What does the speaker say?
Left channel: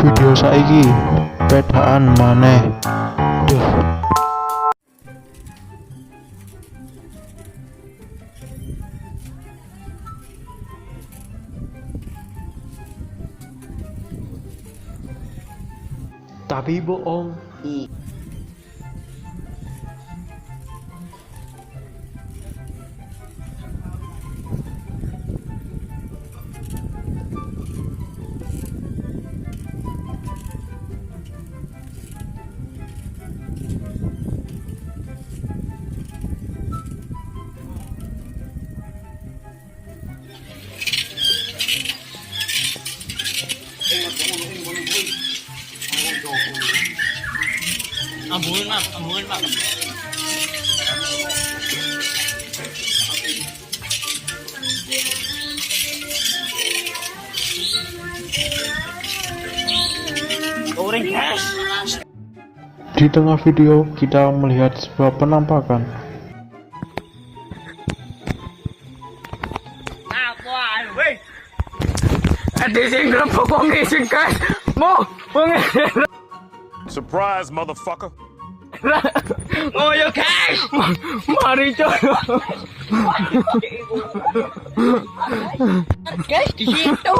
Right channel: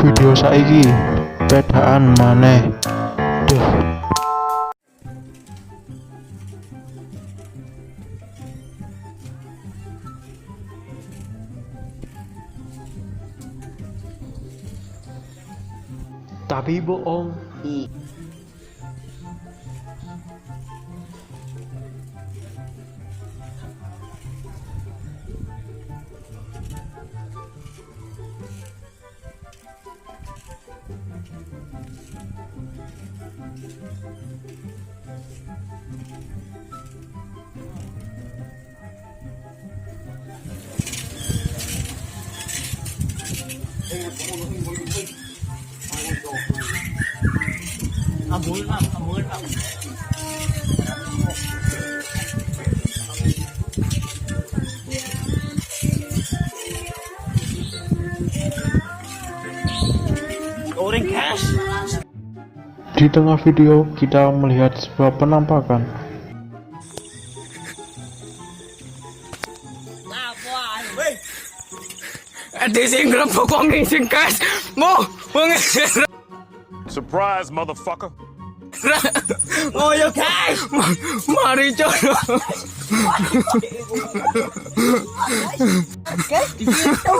Video saiki pedaan maneh. Duh. Tapi bohong. Ambuin mas. Goreng guys. Di tengah video kita melihat sebuah penampakan. Ada sing gerepok wong sing guys. Mo, wong Surprise, motherfucker. oh yo guys. Mari coba. Guys, di situ.